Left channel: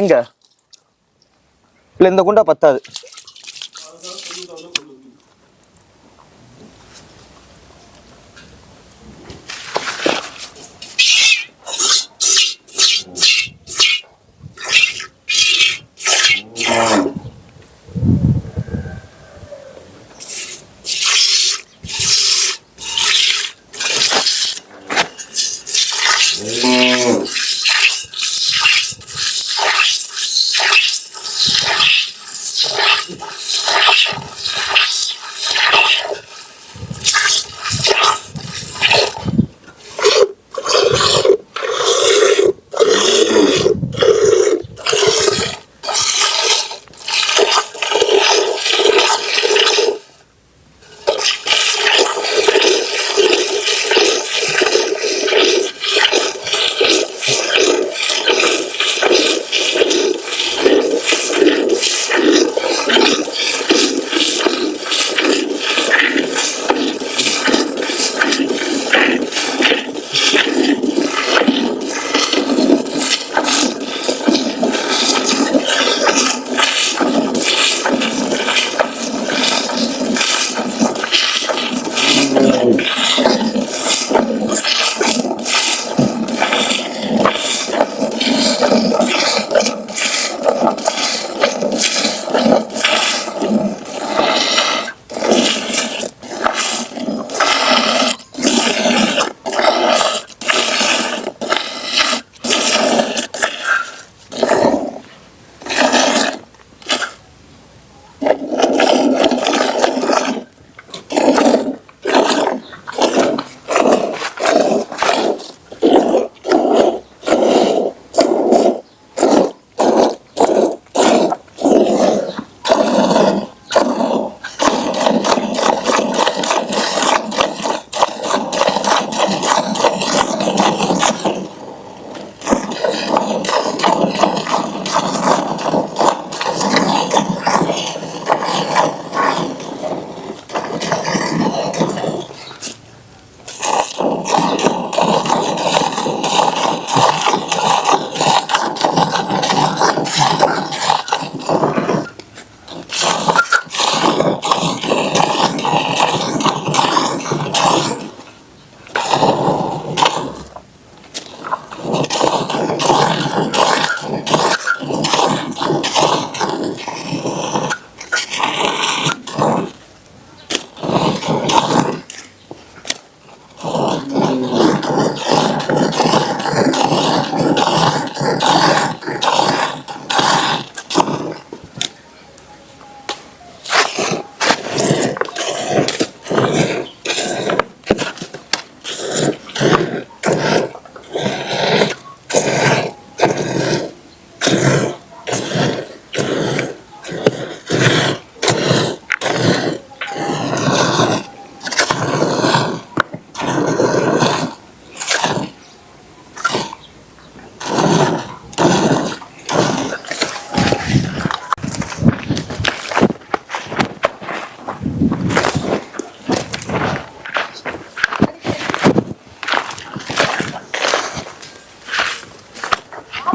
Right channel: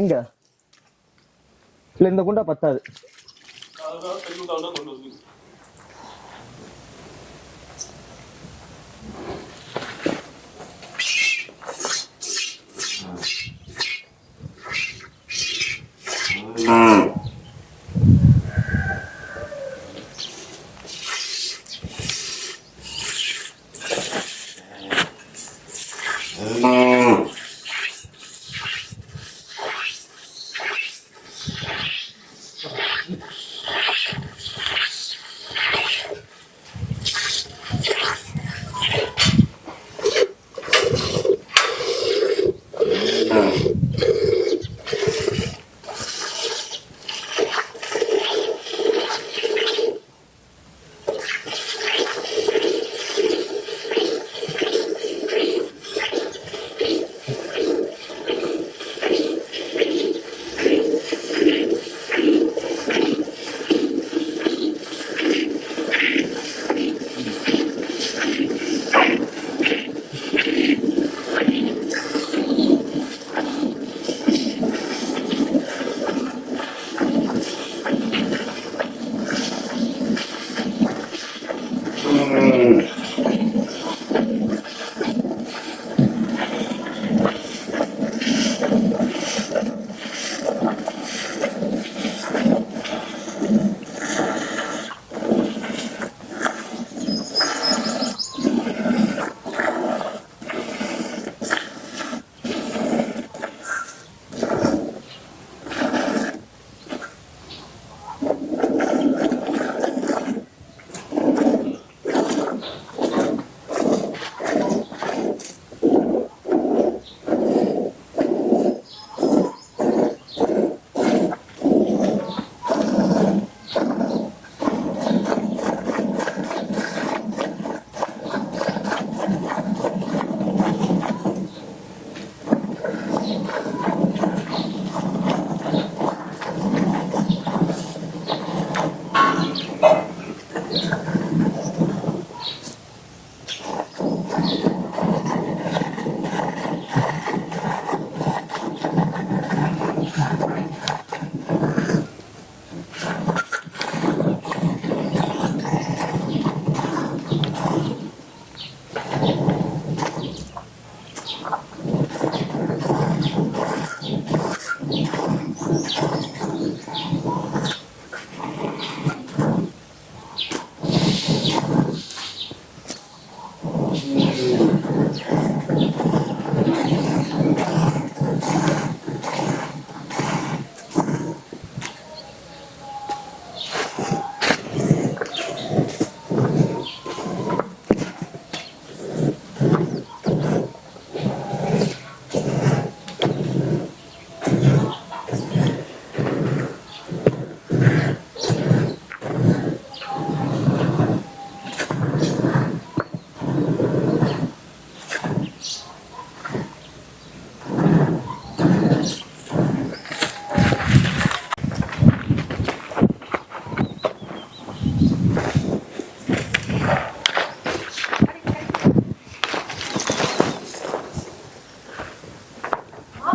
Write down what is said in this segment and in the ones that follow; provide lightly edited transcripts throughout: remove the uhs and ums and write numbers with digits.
எங்க இல்ல இந்த குண்டா பத்தாது.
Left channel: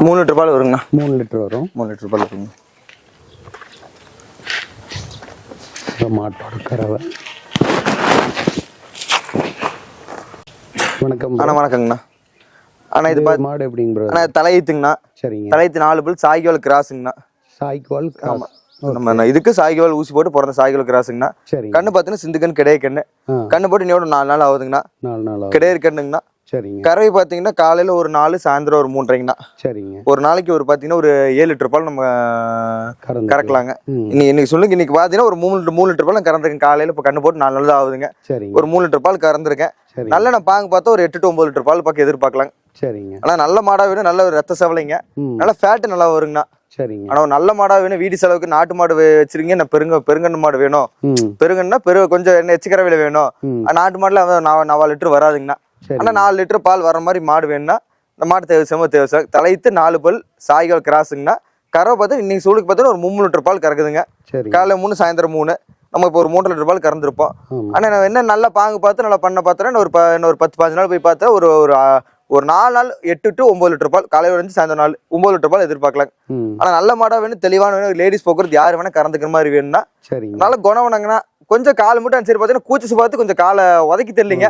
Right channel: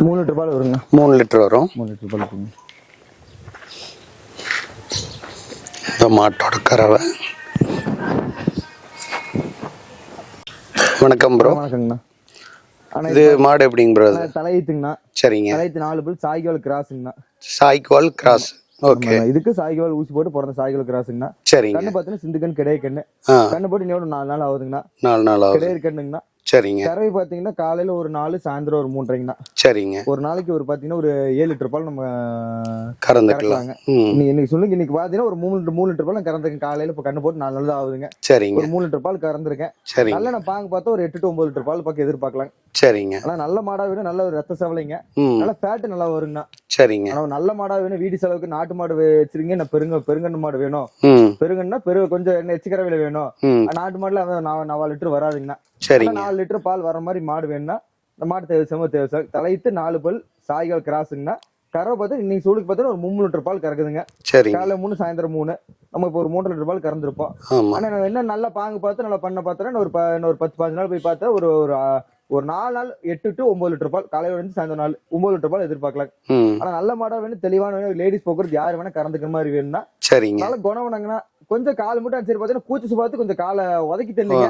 மூணு லிட்டர் பால் வருங்கண்ணா. 3 லிட்டர் வரும். 3 லிட்டர் பால் இருக்குங்க. இந்த மாட்டோட கறவை. வணக்கம் ப்ரோ. வணக்கங்கண்ணா. ஆனால் இது மாடு எப்படிங்க ப்ரோ? தலையீத்துங்கண்ணா. சரிங்க. தலையீத்து 4 பல் சாய்கால் கிராஸுங்கண்ணா. சாய்கால் கிராஸ். இதுக்கு சாய்கால் ஊசி போட்டு பிறந்த சாய்கால் கிராஸுங்கண்ணா. சரி. கண்ணு பார்த்தீங்கன்னா சிந்து கண்ணு கிடையாது கண்ணு. கண்ணு போட்டு இன்னொரு 4 நாள் ஆகுதுங்கண்ணா. 4 நாள் கிடையாது கண்ணுங்கண்ணா. சரிங்க. கறவை பார்த்தீங்கன்னா காலையில் ஒரு 4, சாயந்தரம் ஒரு 3:30ங்கண்ணா. சரிங்க. ஒரு நாளைக்கு ஒரு பார்த்தீங்கன்னா ஒரு 7 லிட்டர் பால் நம்ம கறக்கலாங்க. இன்னைக்கு சொல்லுங்க, இன்னைக்கு பார்த்தீங்கன்னா ஒரு 3 லிட்டர் பால் கறந்துருக்கேன். காலையில் இப்போ கண்ணு போட்டு 4 நாள் தான் ஆகுதுங்க. சரிங்க. ஒரு 3 லிட்டர் பால் கறந்துருக்கேன். சரி. நல்ல நான் பாங்க பார்த்தா ஒரு 8 to 9 லிட்டர் பால் பக்கம் எதிர்பார்க்கலாங்க. சரிங்க. ஆனா நல்ல மாடா வேணும், நல்ல ஒரு ரத்த செவலைங்க, நல்ல ஃபேட் நல்லா வருங்கண்ணா. சரிங்க. ஆனா நல்ல மாடா வேணும். வீடு செலவுக்கு நாட்டு மாடு வச்சிருக்கீங்க. நான் பெருங்கண்ணு மாடு வேணும். பெருங்கண்ணா கொஞ்சம் என்ன எச்சுக்கரவையில வேணும். நாட்டு மாடுல 4 லிட்டர் வராதுங்கண்ணா. சரி. 4 லிட்டர் பால் வர மாதிரி மாடு வேணும்னா இந்த மாடு தேவை. தலைத்து 4 பல் சாய்கால் கிராஸுங்கண்ணா. கறவை பார்த்து இன்னைக்கு சூளுக்கு பார்த்தா ஒரு 3 லிட்டர் பால் கறக்குதுங்க. சரி. காலையில் 3, சாயந்தரம் 3. நம்ம இப்போ ஒரு 3 லிட்டர் பால் கறந்துருப்போம். ஆனால் நான் என்ன நல்லா பாங்கு பார்த்து நல்லா பண்ண பார்த்தேன்னா ஒரு 10-15 நாள் போய் பார்த்தா ஒரு ஒரு 4 நாள் 8 to 9 லிட்டர் பால், காலையில இருந்து சாயந்தரம் 9 லிட்டர் பால் எதிர்பார்க்கலாம். ஆனா நல்ல மாடா வேணும், தெளிவான வேணும், லேடிஸ் போக்குறது யாரு வேணா கறந்துக்கிற மாதிரி வேணும்னா சரிங்க. நல்ல குணவனங்கன்னா கொஞ்சம் கால் மட்டும் சரி பார்த்தீங்கன்னா கூச்சு பார்த்து கொஞ்சம் காலை உதைக்கி தெரியலீங்க,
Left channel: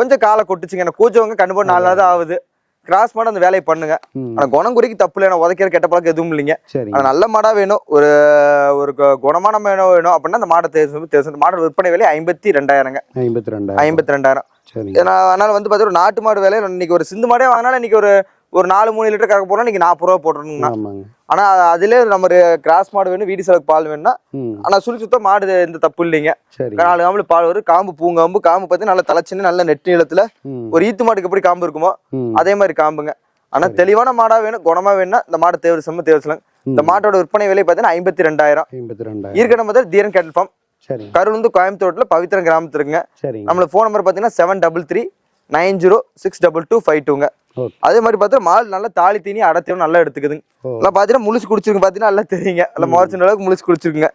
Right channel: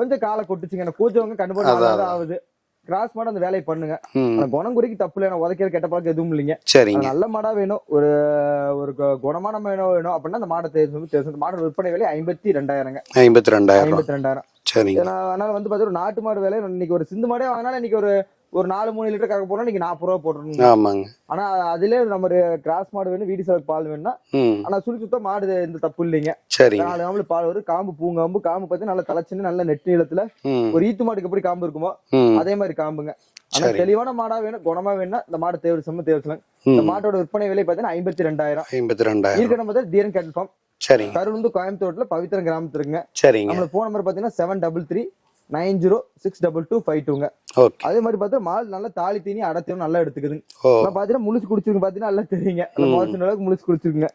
கொஞ்சம் காலை கொட்டுச்சுங்க. எனக்கு கூச்சவங்க கண்டுபிடி 4 நாள் தான் ஆகுது. கிராஸ் மாடு அந்த வேலையை பண்ணுங்க. ஆனா குணம் குறிக்கு தப்பு இல்லை, உதைக்கிற கெட்ட பழக்கம் எதுவும் இல்லைங்க. ஆனா நல்ல மாடா வேணும், ஒரு ஒரு குணமான வேணும் அப்படின்னா அந்த மாடை தேர்வு. மாடோட விற்பனை விலை 52,000ங்க. 52,000. அதனால வந்து பாத்தீங்கன்னா நாட்டு மாடு வேலை இன்னைக்கு ஒரு சிந்து மாடே வாங்கினாலும் இன்னைக்கு ஒரு 4-3 லிட்டர் கறக்க போறோம், இன்னைக்கு 40 ரூபா போட்டுருங்க. ஆனா அதுல நம்ம கிராஸ் மாடு வேணும், வீடு செலவுக்கு பால் வேணும்னா ஆனா சுத்தம் மாடு எந்த தப்பு இல்லைங்க. 4 காம்பு பால் வரும். காம்பு பூங்காம்பு, காம்பு பார்த்து நல்லா தலைச்சுன்னு நல்ல நெட்டு நீளத்துல ஒரு ஈத்து மாட்டுக்கு எப்படி காம்பு இருக்குமோ அதே மாதிரி காம்புங்க. ஆனா தெளிவான மாடா வேணும், குணமா வேணும்னா இந்த மாடு தேர்வு செய்யலாம். இந்த மாட்டோட விற்பனை விலை பார்த்தீங்கன்னா 52,000. ஈர்க்கணும் முதல் தீரன் கேட்டல் ஃபார்ம், கருளுந்து, கோயம்புத்தூர்ல பவித்திரம் கிராமத்துல இருக்குங்க. நம்மளோட போன் நம்பர் பாத்தீங்கன்னா 7339022252ங்க. அதே மாதிரி பார்த்தா மால் நல்லா தாலி தீனி அடத்தியும் நல்லா எடுத்துக்குதுங்க. பாத்தீங்கன்னா முழுசு குடிச்சிருக்கு, பாத்தீங்கன்னா நல்லா தெரியுங்க, நல்லா மோசம் அளவுக்கு முழுசு குடிச்சிருக்குங்க.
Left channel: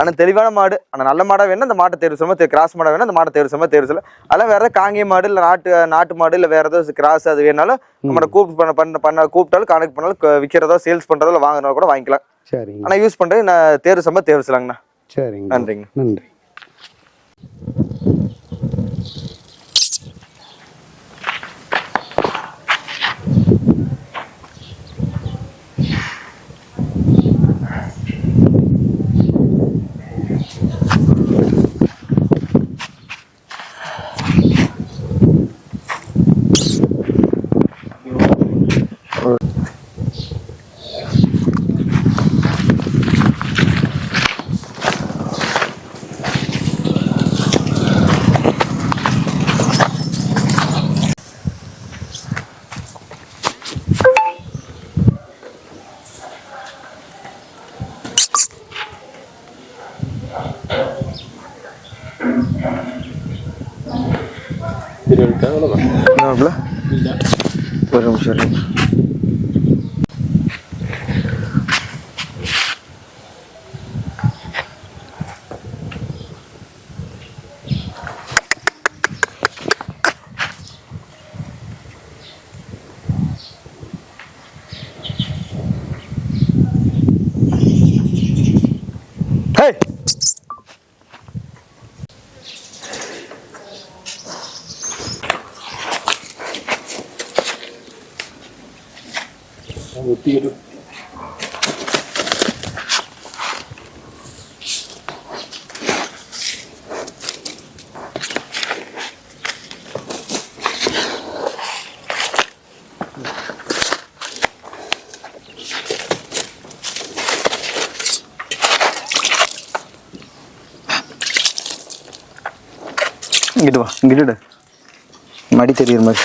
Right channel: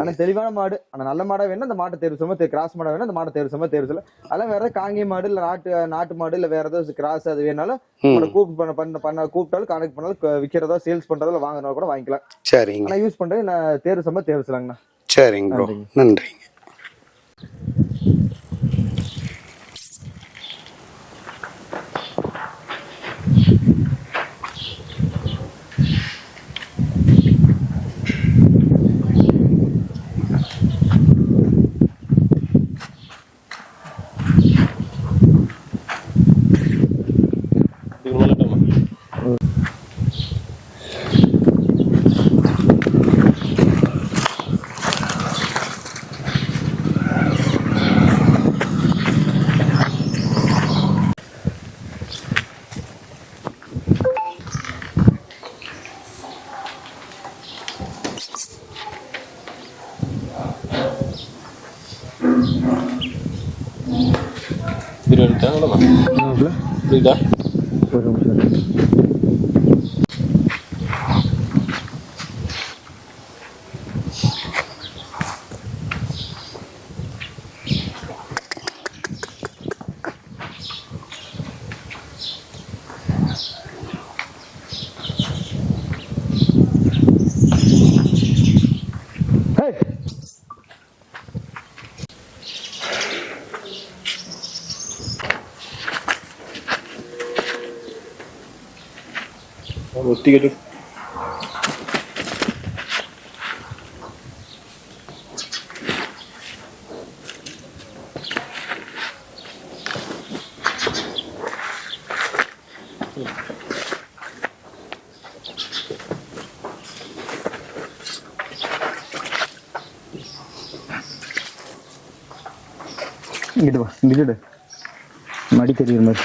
ஆனா தெளிவான மாடு, ஆனா நல்ல மாடா வேணும் அந்த மாட்டை தேர்வு செய்ய, கிராஸ் மாடா வேணும் அந்த மாட்டை தேர்வு செய்யலாம். அதெல்லாம் வேற ஏதாவது காங்கேய மாடு இல்ல நாட்டு மாடு இல்ல வேற ஏதாவது கிராஸ் அது வேணாலும் நம்ம கூப்பிட்டாலும் கான்டெக்ட் பண்ணாலும் விற்கிறதோ சேல்ஸ் பண்றதோ இல்ல வாங்குறதோ கூட வாங்கிக்கலாம். ஆனா யூஸ் பண்றது நான் தேர்வு செய்யலாங்கண்ணா. சரிங்க, நன்றிங்க. ஒரு நிமிஷம். ഒത്തിരി இங்கிட்டு வா, இங்கிட்டு மடி தெரியுற மாதிரி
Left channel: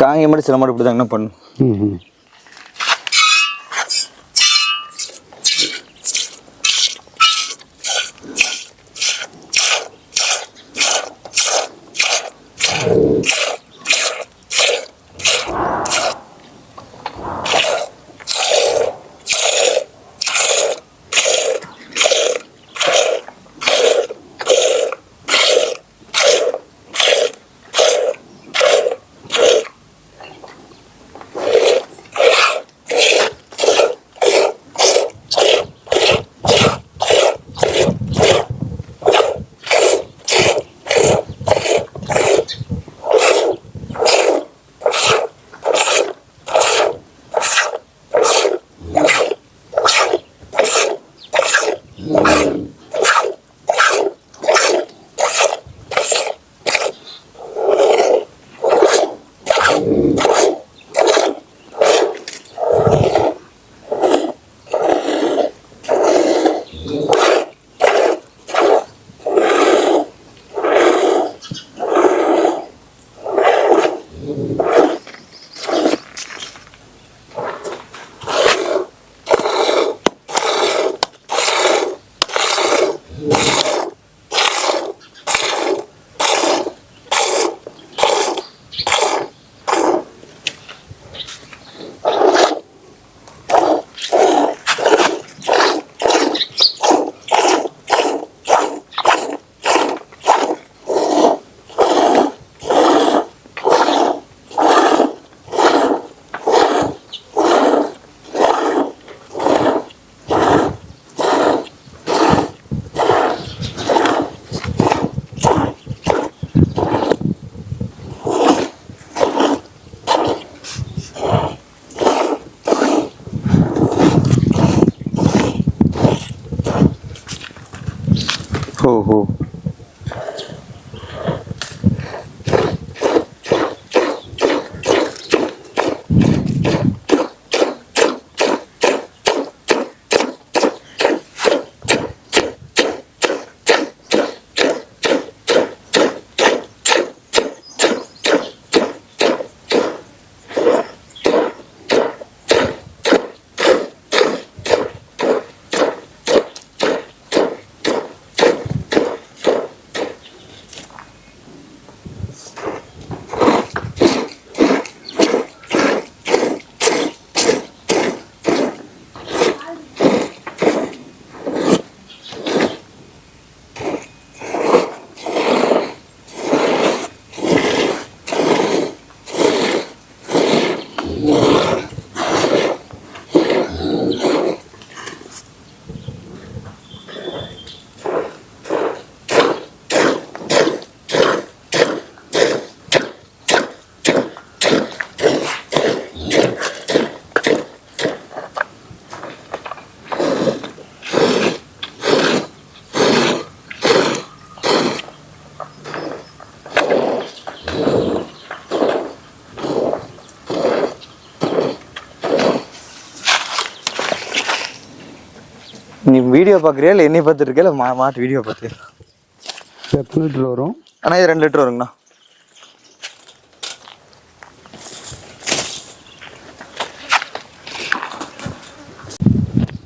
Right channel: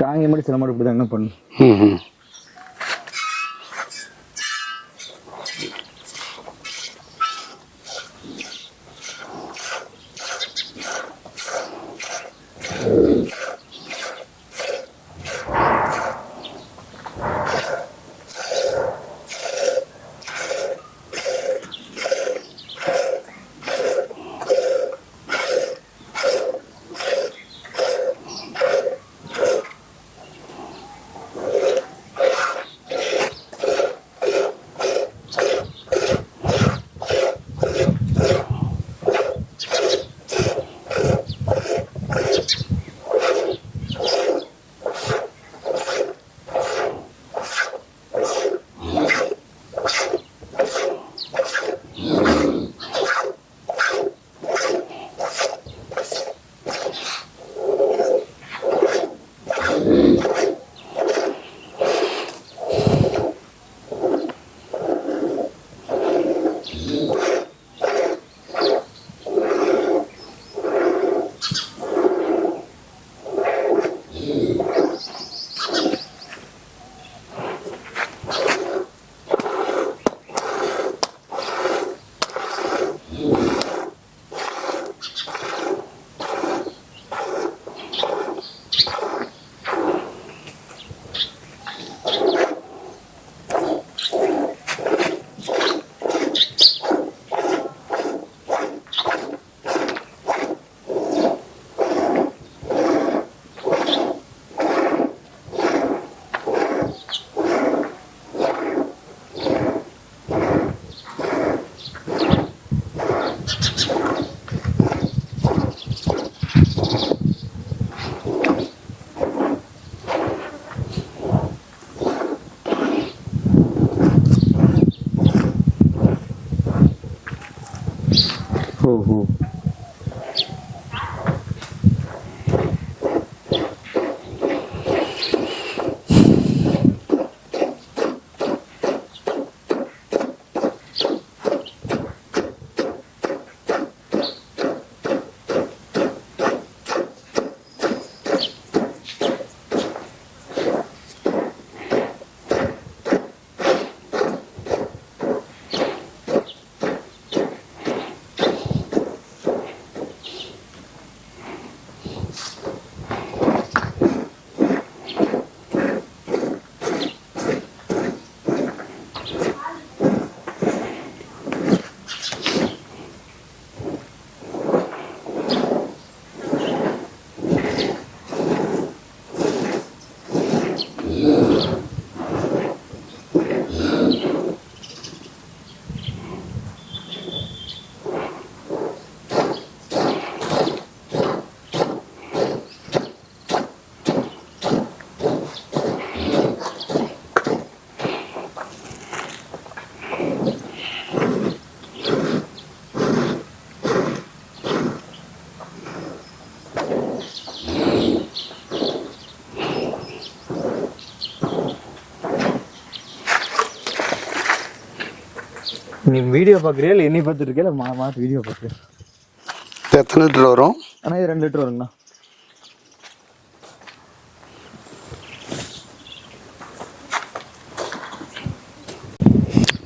காங்க மாதிரி சில மாடு இப்படி தாங்கண்ணா பண்ணும். நீ வீடியோ பாக்குறியா இல்ல என்னை பார்த்துட்டு இருக்கியா இல்ல மாட்டு வீடியோ பார்த்து? இது எத்தனை லிட்டர் வரும்? ஆனா இது 2 லிட்டர் வருங்கண்ணா.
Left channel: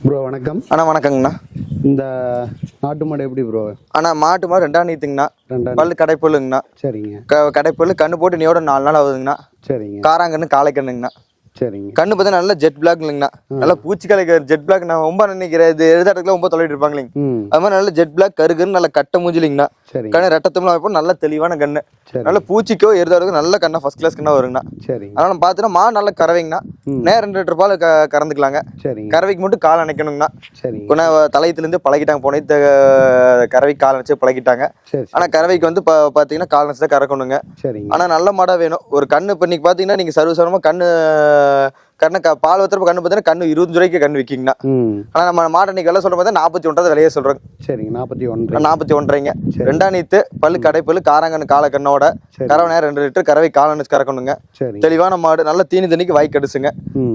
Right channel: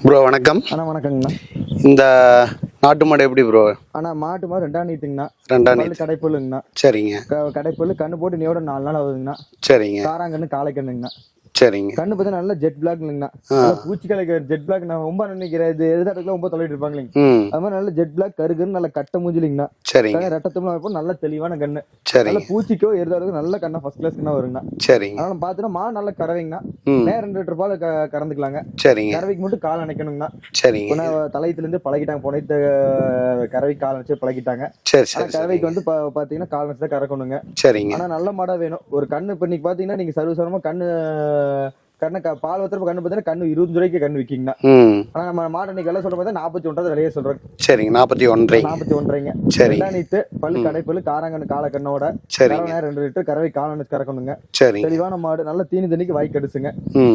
ப்ரோ வணக்கம். அண்ணா வணக்கங்கண்ணா. இந்த நாட்டு மாடு எப்படி ப்ரோ? ஆனா மாட்டு மாடு 2ஆம் நீத்துங்கண்ணா. 2ஆம் பல்லு கடைப்பல்லுங்கண்ணா. சரிங்க. கடைப்பல்லு கண்ணு போட்டு நீயோட 4 நாள் ஆகுதுங்கண்ணா. சரிங்க. காராங்கண்ணு காலை கண்ணுங்கண்ணா. சரிங்க. கண்ணு பார்த்தா நல்லா ஜெட் பிளாக் இல்லைங்கண்ணா. நல்லா பூச்சிக்காலை ஜெட் பிளாக். நான் ரொம்ப நினைக்கிறேன் இது எழுதாட்டுல ரொம்ப தொலைட்டு இருப்பாங்க இல்லைங்க. அது மாதிரி நல்ல ஜெட் பிளாக் கருகுன்னு நல்ல கட்ட மூஞ்சிலிங்கண்ணா. சரி. கண்ணு ரெட்டத்தம்லாம் வைப்போம். நல்ல தெளிவான கண்ணு. சரி. நல்ல பூச்சிக்கோ எருதாடுக்கும் நல்ல கண்ணா ஃபர்ஸ்ட் கிளாஸ் கண்ணா வருங்கண்ணா. சரிங்க. அதனால பார்த்தீங்கன்னா மா நல்ல கறவைங்கண்ணா. நேரம் 2 லிட்டர் பால் கறந்துக்கலாங்க. சரிங்க. கறவைக்கு மட்டும் கால் அணைக்கணுங்கண்ணா. சரிங்க. இப்போ நான் தலையத்துலேருந்து பழகிட்டாங்க. போனே கறவைக்கு கால் வச்சு பழகிட்டாங்க. சரி. ஆனா கறவைக்கு வந்து பாத்தீங்கன்னா கால் வச்சு தான் கறக்கணுங்க. சரிங்க. ஆனா நல்ல மாடா வேணும். ஒரு கண்ணு இப்போ இன்னைக்கு பாத்தீங்கன்னா நீங்க சர்வசாரமா கண்ணு பால் வத்துறப்ப கண்ணு பார்த்தீங்கன்னா கண்ணு 25 ரூபாய்க்கு கண்ணு விற்கிங்கண்ணா. ஆனா நம்ம மாட்டை இன்னைக்கு எல்லாம் சொல்ற பார்த்தா 41 விலையே சொல்றேன். சரிங்க. 41. 41. 2ஆம் நீத்து பல்லு கடைப்பல்லு காராங்கண்ணு காலை கண்ணோட கறவை நேரம் 2 லிட்டர் கறவை காலன்னு கறக்கணுங்க. சரி. தெளிவான மாடு நல்ல தீனி தண்ணிக்கு வாய் கடுசுங்க.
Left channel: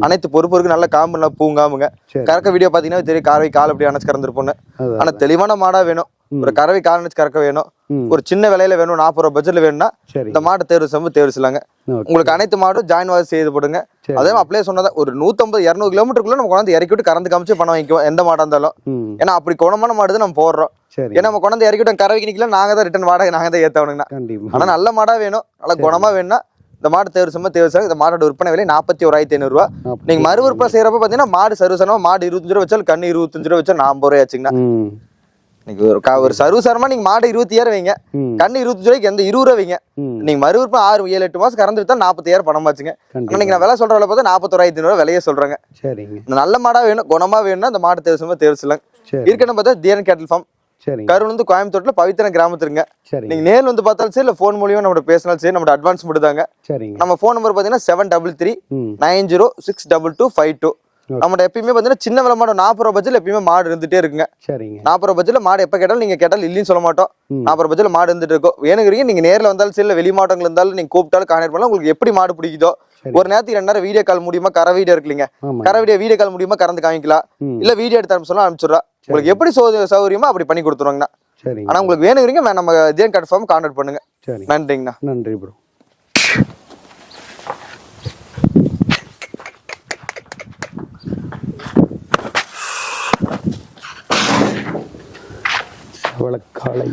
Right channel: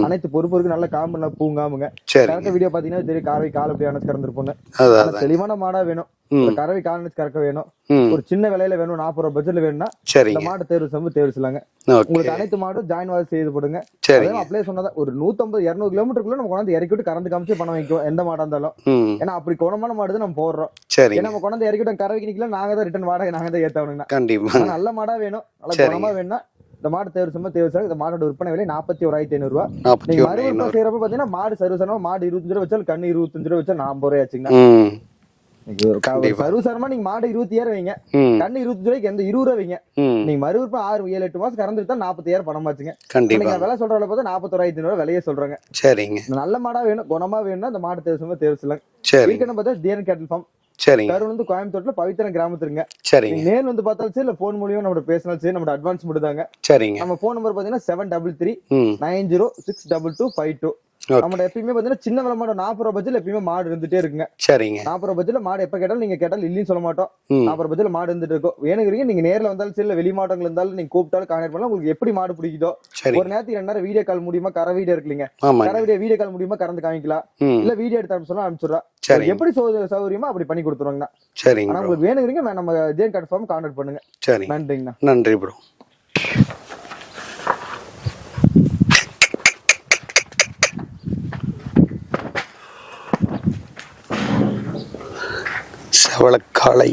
அனைத்து பொறுப்பு இருக்கு. நல்ல காம்பு நல்லா பூங்காமுங்க. கறக்க வீடியோ பாத்தீங்கன்னா தெரியும் கறவை கால் அப்படி அணைச்சு கறந்துருப்போன்னு. ஆனா தெளிவான மாடா வேணும். ஒரு கறவை கால் அணைச்சு கறக்க வேணும். ஒரு சின்ன விலையில வேணும். 40 ரூபாய் பட்ஜெட்ல வேணும்னா இந்த மாட்டை தேர்வு செய்யலாங்க. உங்களுக்கு அனைத்து மாடும் ஜாயின் வாசி செய்து போடுங்க. அதே அப்படியே சொன்னதா ஒரு 150-200 கிலோமீட்டருக்குள்ள நம்ம கொண்டாந்து இறக்கி விட்டு கறந்து காமிச்சு பணம் வாங்கிக்குவோம் எந்த மாடா இருந்தாலும். ஏன்னா அப்படி குணமான மாடு நம்ம போடுறோம். ஏன்னா நம்ம கொண்டாந்து இறக்கி விட்டு கறவைக்கு நிக்கல நாங்க தான் ரிட்டர்ன் வாடகை நாங்க தான் ஏத்தவனுங்கண்ணா. கண்டிப்பா. ஆனா நல்ல மாடா வேணும். நல்ல குணமா வேணும்னா இந்த மாடு தேர்வு செய்ய இந்த மாடோட விற்பனை விலை 41,500 ரூபா. நீங்க மறு விற்பனை செய்யறப்ப பாத்தீங்கன்னா மாடு சர்வசாரமா மாடு 25 ரூபா வச்சாலும் கண்ணு 25 ரூபா வச்சா 40 ரூபாய் ஆச்சுங்கண்ணா. ஒரு சர்வசாரமா நீங்க மாடு 26 வைங்க. கண்ணு 25 ரூபாய்க்கு எந்த 20 ரூபாய் வைங்க. நீங்க மறு விற்பனை 6-7-8 மாசம் கறந்து வித்தா 40,000 பணம் ஆச்சுங்க. நீங்க நான் விலை சொல்ற விலை பார்த்தா 41,500 ரூபாய் விலையே சொல்றாங்க. சரிங்க. நல்ல மாடா வேணும். குணமா வேணும்னா இந்த மாடு தேர்வு செய்யலாம். இருக்கணும் பார்த்தா தியன் கேட்டல் ஃபார்ம். சரிங்க. கரூர் வந்து கோயம்புத்தூர்ல பவித்திரம் கிராமத்துருங்க. சரி. நீங்க நேர்ல வந்து பார்த்தாலும் சரி இல்ல போன் மூலியமா நம்ம பேசினாலும் சரி நம்ம அட்வான்ஸ் மட்டும்தாங்க. சரிங்க. நம்ம போன் நம்பர் பாத்தீங்கன்னா 733-90-62252. நம்ம எப்பயுமே பாத்தீங்கன்னா சின்ன விலை மாடு 40 ரூபாய் பட்ஜெட்ல எப்பயுமே மாடு இருந்துட்டே இருக்குங்க. சரிங்க. 40 ரூபாய் பட்ஜெட்ல மாடு எப்ப கேட்டாலும் நீங்க கேட்டாலும் இல்லைன்னு சொல்ல மாட்டோம். 40 ரூபாய் பட்ஜெட்ல மாடு இருந்துட்டு இருக்கும். வேணுங்கிறீங்க நீங்க நேர்ல வந்தாலும் சரி இல்ல வெளி மாவட்டங்கள் இருந்தாலும் நீங்க கூப்பிட்டாலும் கான்டாக்ட் பண்ணலாம். உங்களுக்கு எப்படி மாடு பிடிக்குதோ ஒரு நேரத்துக்கு 2 நேரம் வீடியோ கால் முடியுமா கரை வீடியோ இருக்குல்லைங்க. கரை வீடியோ கால் முடியுமா கறந்து காமிக்கலாம். இல்ல வீடியோ எடுத்து சொன்னா அனுப்பிச்சுடுறா. உங்களுக்கு எப்படி சௌகரியமா அப்படி பண்ணி கொடுத்துருவாங்கண்ணா. சரிங்க. ஆனா உங்களுக்கு வேணுங்கிறீங்க நம்ம ஜேன் கன்ஃபார்ம் கான்டாக்ட் பண்ணுங்க. சரி. நன்றிங்கண்ணா. நன்றி ப்ரோ. செவளக்காலை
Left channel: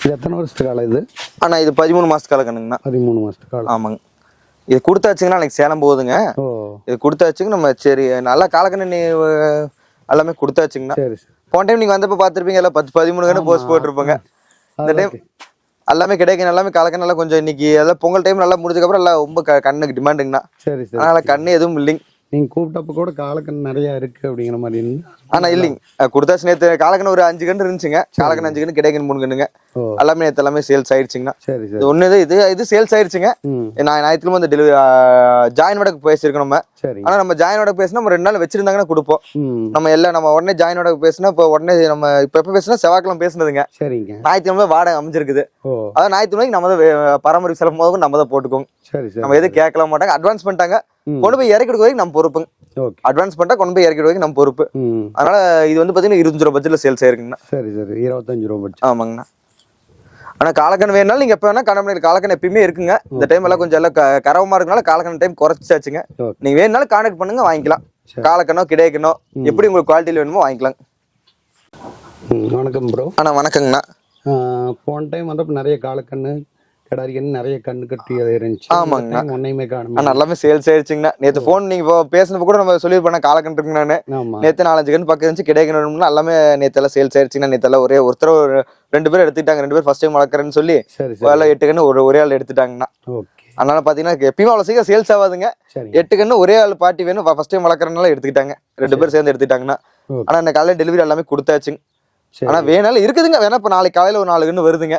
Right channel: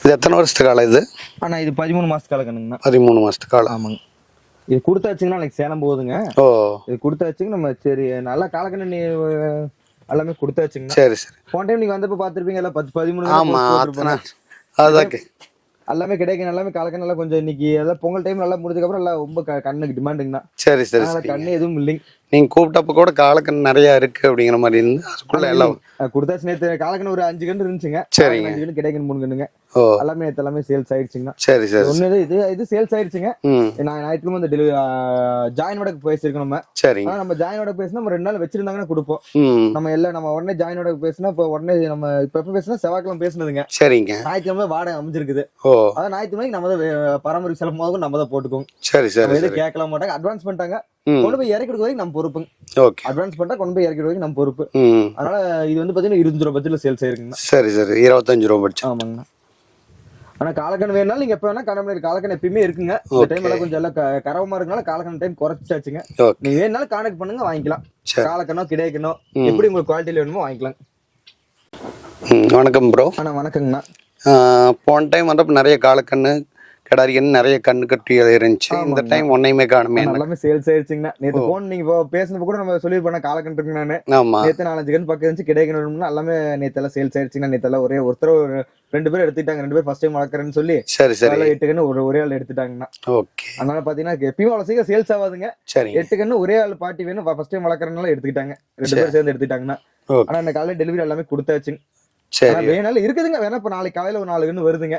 இது எத்தனை வருஷத்து காலம் இது? ஆனா இது 13 மாசத்து கால கண்ணுங்கண்ணா. 13 மாசத்து காலம். ஆமாங்க. இது கொடுத்தாச்சுங்கன்னா எனக்கு சேலம் போகுதுங்க. ஓ இது கொடுத்தாச்சுங்க. நம்ம சரி நல்லா காலக்கண்ணு எல்லாமே கொடுத்தாச்சுங்கண்ணா. சரி சரி. போன டைம் நீங்க வந்தப்ப பாத்துருப்பீங்க எல்லாம் 10-13 போஸ்ட் போட்டிருப்பாங்க. எல்லாமே கிடைக்கும். எல்லாமே காலக்கண்ணு நல்லா கொஞ்சம் இன்னைக்கு எல்லாம் பொங்கல் டைம் நல்லா முடிஞ்சதுக்கு அப்புறம் எல்லாம் ரொம்ப கண்ணுக்கு டிமாண்டுங்கண்ணா. சரி சரி. அதனால கண்ணு எதுவும் இல்லைங்க. நீங்க கூப்பிட்டப்ப கூட காலக்கண்ணு நிறைய இருக்கு அப்படிங்கிற மாதிரி இருந்து. ஆனா இல்லைங்க கொடுத்தாச்சு. நேற்று காலக்கண்ணு ஒரு 5 கன்று இருந்துச்சுங்க. காலக்கண்ணு 5 கன்று கிடைக்கணும் 3 கண்ணுங்க. எல்லாமே நேற்று எல்லாமே சேல்ஸ் ஆயிடுச்சுங்கண்ணா. சரி சரி. ஒண்ணு இது சேல்ஸ் ஆயிடுச்சுங்க. நான் ஞாயிற்றுக்கிழமை வந்து டெலிவரி ஜாயின் வடக்கு பேசியிருக்கோம் நம்ம. சரி. ஆனா நம்ம ஜாயின் வடக்கு பேசினா நம்ம 2 நாள் வச்சிருந்தாங்கன்னா கொடுப்போம். நம்ம எல்லாம் நம்ம உடனே ஜாயின் வடக்கு பேசினா இப்போ உடனே நம்ம இப்ப எப்ப பேசினா செவ்வாய்க்கிழமை பேசுனதுங்க. சரிங்க. ஞாயிற்றுக்கிழமை வாடகை அமைஞ்சிருக்குது. அதான் ஞாயிற்றுக்கிழமைக்கு நம்ம தான் பராமரிப்பு செலவு போதும் நம்ம தான் போட்டுக்கோங்க. சரி சரி. நம்ம எதுவும் கேட்கலாம் மாட்டாங்க. அட்வான்ஸ் பண்ணிட்டாங்க. கொண்டு போய் இறக்கி வரைக்கும் நம்ம பொறுப்புங்க. அட்வான்ஸ் பண்ணிட்டா கொண்டு போய் இறக்கி வரைக்கும் நம்ம பொறுப்பு. அதனால இது வந்து பாத்தீங்கன்னா 25 ரூபாய் பட்ஜெட்ல சேல்ஸ் ஆயிருக்குங்கண்ணா. சரி சரி. 25 ரூபாய் பட்ஜெட். ஆமாங்கண்ணா. ஆனா காலக்கண் வேணாலும் நீங்க எப்ப வேணா காண காலக்கண் எப்பயுமே இருக்குங்க. இந்த டைம் எல்லாம் கொஞ்சம் எல்லாம் கரவமா இருக்கனால காலக்கண் டைம் குறைச்சாச்சுங்க. நீங்க வேணாலும் கான்டாக்ட் பண்ணுங்க வாங்கிக்கலாம். காலக்கண்ணோ கிடைக்கணோ எப்படி உங்களுக்கு குவாலிட்டியில வேணுமோ வாங்கிக்கலாம். வணக்கம் ப்ரோ. ஆனா வணக்கங்கண்ணா. போன டைம் வந்தப்ப நிறைய காலக்கண்ணு கிடாரிக்கன்னு நிறைய கண்ணு கட்டி இருந்துச்சு. இந்த டைம் ஒன்னையுமே காணுமே. எல்லாமே சேல்ஸ் ஆயிடுச்சுங்கண்ணா. நேற்று போன் நீங்க பேசினப்ப கூட நம்ம சொல்லிருப்போம் காலக்கண் இருக்குங்கண்ணா. நேற்று 4-5 கண்ணு பக்கம் இருந்துச்சு கிடைக்கணும்னா எல்லாமே நேற்று எல்லாம் சேல்ஸ் ஆயிடுச்சுங்கன்னா. நேற்று எல்லாம் ஒருத்தர் 2 பேர் எடுத்துட்டாங்க. 2 பேர் ஃபர்ஸ்ட் டைம் வளர்க்குறேன்னு சொல்லி சரி சரி 8 கண்ணு ஒரே ஆள் எடுத்துட்டாங்கண்ணா. ஓகே. அதனால பாத்தீங்கன்னா எப்பயுமே அவ்வளவு சீக்கிரம் சேல்ஸ் ஆகாதுங்க. 8 கண்ணு ஒரே ஆள் பாட்டி வேணும் ஃபர்ஸ்ட் டைம் வளர்க்குறதுனால எடுத்துக்கிட்டாங்க. 2 பேர் சேர்ந்து எடுத்துட்டாங்கன்னா. ஆனா இந்த காலையில டெலிவரி எல்லாமே கொடுத்தாச்சுங்க. ஆனா வேணாலும் இருக்குதுங்க. வேணா இப்ப நாளைக்கு காலையில ஒரு 4 கண்ணு வருதுங்க.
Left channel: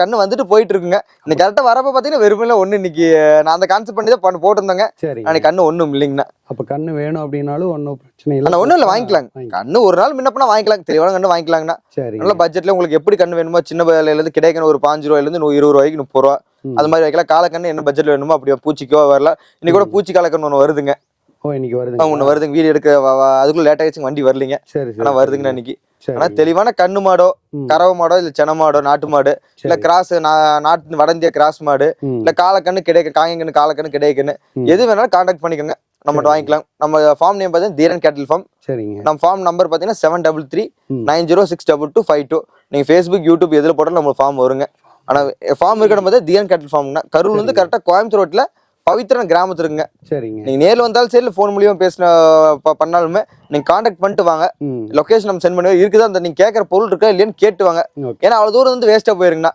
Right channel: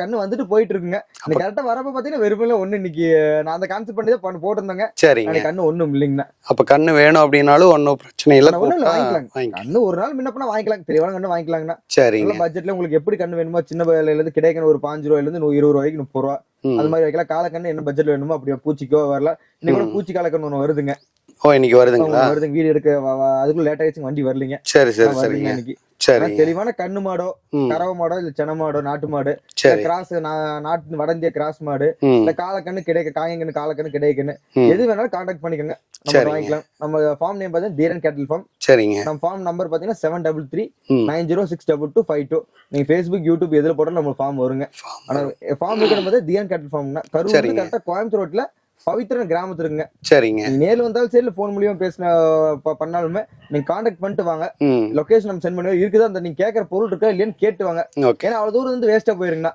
கண்ணு வந்துட்டு போயிட்டு இருக்குங்க. இன்னைக்கு கரெக்டா வரப்ப பாத்தீங்கன்னா வெறுமையில ஒண்ணு இன்னைக்கு நான் அந்த கான்செப்ட் பண்ணி தான் போட்டிருந்தேங்க. சரி. நாளைக்கு கண்ணு ஒண்ணும் இல்லைங்கண்ணா. அப்ப கண்ணு வேணும் அப்படின்னாலும் ஒன்னும் பிரச்சனை இல்லை. ஒண்ணும் இல்லை வாங்கிக்கலாம். கண்ணு ஒரு நாள் முன்னப்பனா வாங்கிக்கலாம். தெளிவான கண்ணு வாங்கிக்கலாங்கண்ணா. சரி. நல்ல பட்ஜெட்ல உங்களுக்கு எப்படி கண்ணு வேணுமோ சின்ன விலையில இருந்து கிடைக்கணும் ஒரு 5 ரூபாயில இருந்து 20 ரூபாய்க்கு 30 ரூபா அது மாதிரி வைக்கலாம். காலக்கண்ணு என்ன பட்ஜெட்ல வேணுமோ அப்படியே பூச்சிக்கோ வரலாம். இன்னைக்கு கூட பூச்சி காலக்கண்ணு ஒண்ணு வருதுங்க. ஓ இன்னைக்கு வருதுங்க. ஒண்ணு வருதுங்க வீடியோ எடுக்க அதுக்குள்ள லேட் ஆயிடுச்சு வண்டி வரலீங்க. சரி சரி வருதுங்க இன்னைக்கு. சரி. ஆனா தெளிவான கண்ணு மாடோ கறவை மாடோ இல்ல சென மாடோ நாட்டு மாடு இல்ல கிராஸ் நாட்டு வட இந்திய கிராஸ் மாடு இல்ல காலக்கண்ணு கிடைக்க காயங்கண்ணு காலக்கண்ணு கிடைக்கன்னு எது வேணாலும் கான்டாக்ட் பண்ணிக்கோங்க, நம்ம வாங்கிக்கலாம். நம்ம ஃபார்ம் நேம் பார்த்தீங்கன்னா தீரன் கேட்டில் ஃபார்ம். சரிங்க. நம்ம ஃபார்ம் நம்பர் பார்த்தீங்கன்னா 7339062252. நீங்க ஃபேஸ்புக் யூடியூப் எதுல போட்டாலும் நம்ம ஃபார்ம் வருங்க. ஆனா ஃபார்ம் இருக்கிற போது தீரன் கேட்டில் ஃபார்ம்னா கரூர் வந்து கரெக்டா கோயம்புத்தூர் ரோட்ல பவித்ரன் கிராமத்துல இருக்குங்க. சரிங்க. நீங்க நேர்ல வந்தாலும் சரி ஃபோன் மூலியமா பேசின பண்ணாலுமே நீங்க கான்டாக்ட் பண்ணிட்டு வாங்க. லொகேஷன் நம்ம சென்ட் பண்ணுவோம். இருக்குதா அந்த நீங்க கேட்கற பொருள் இருக்கா இல்லையான்னு கேட்டு வாங்க. ஏன்னா அவ்வளவு தூரம் வந்து வேஸ்டா போயிருங்கண்ணா.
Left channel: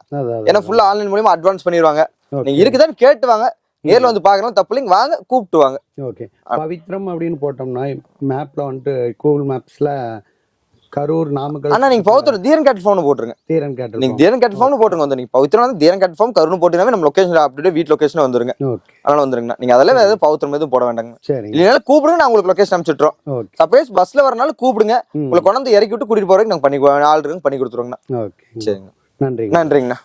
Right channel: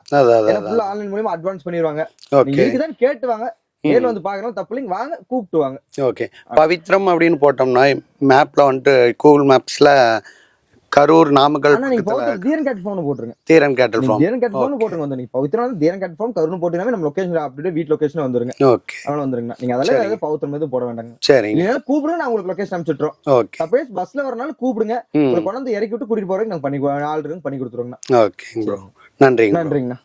ஏன்னா ஃபுல்லா ஆன்லைன் மூலியமா அட்வான்ஸ் பண்ணிடுவாங்க. நீங்க இருக்குதான்னு கேட்டு வாங்க. நேர்ல வந்து பாக்குறோம் தப்பு இல்லைங்க, வாங்க கூப்பிட்டு வாங்க. ஓகே. பவித்ரம் அப்படின்னு போட்டோம்னா மேப்ல வந்துட்டு கூகுள் மேப்ஸ்ல கரூர் நாமக்கல். ஆனா நீங்க பவித்ரம் தீரன் கேட்டில் ஃபார்ம் போட்டுருங்க. தீரன் கேட்டில் நீங்க தீரன் கேட்டில் ஃபார்ம் போட்டுருங்க. வந்து நீங்க பவித்ரம் வந்து தீரன் கேட்டில் ஃபார்ம் கரூர் போட்டீங்கன்னா நம்ம லொகேஷன் அப்படியே வீட் லொகேஷன் வந்துருங்க. ஓகே. அதனால வந்துருங்க. நீங்க அதெல்லாம் எதுவும் பவித்ரம் எதுவும் போட வேண்டாங்க. சரி. இல்லைன்னா கூப்பிடுங்க, நான் உங்களுக்கு லொகேஷன் அனுப்பிச்சுட்றோம். ஓகே. சப்போஸ் பஸ்ல வரனால கூப்பிடுங்க, உங்களுக்கு கொண்டு வந்து இறக்கி விட்டு கூட்டிட்டு போறதுக்கு நாங்க பண்ணி ஆள் இருக்கு பண்ணி கொடுத்துருவோங்கண்ணா. ஓகே. நன்றிங்க. நன்றிங்கண்ணா.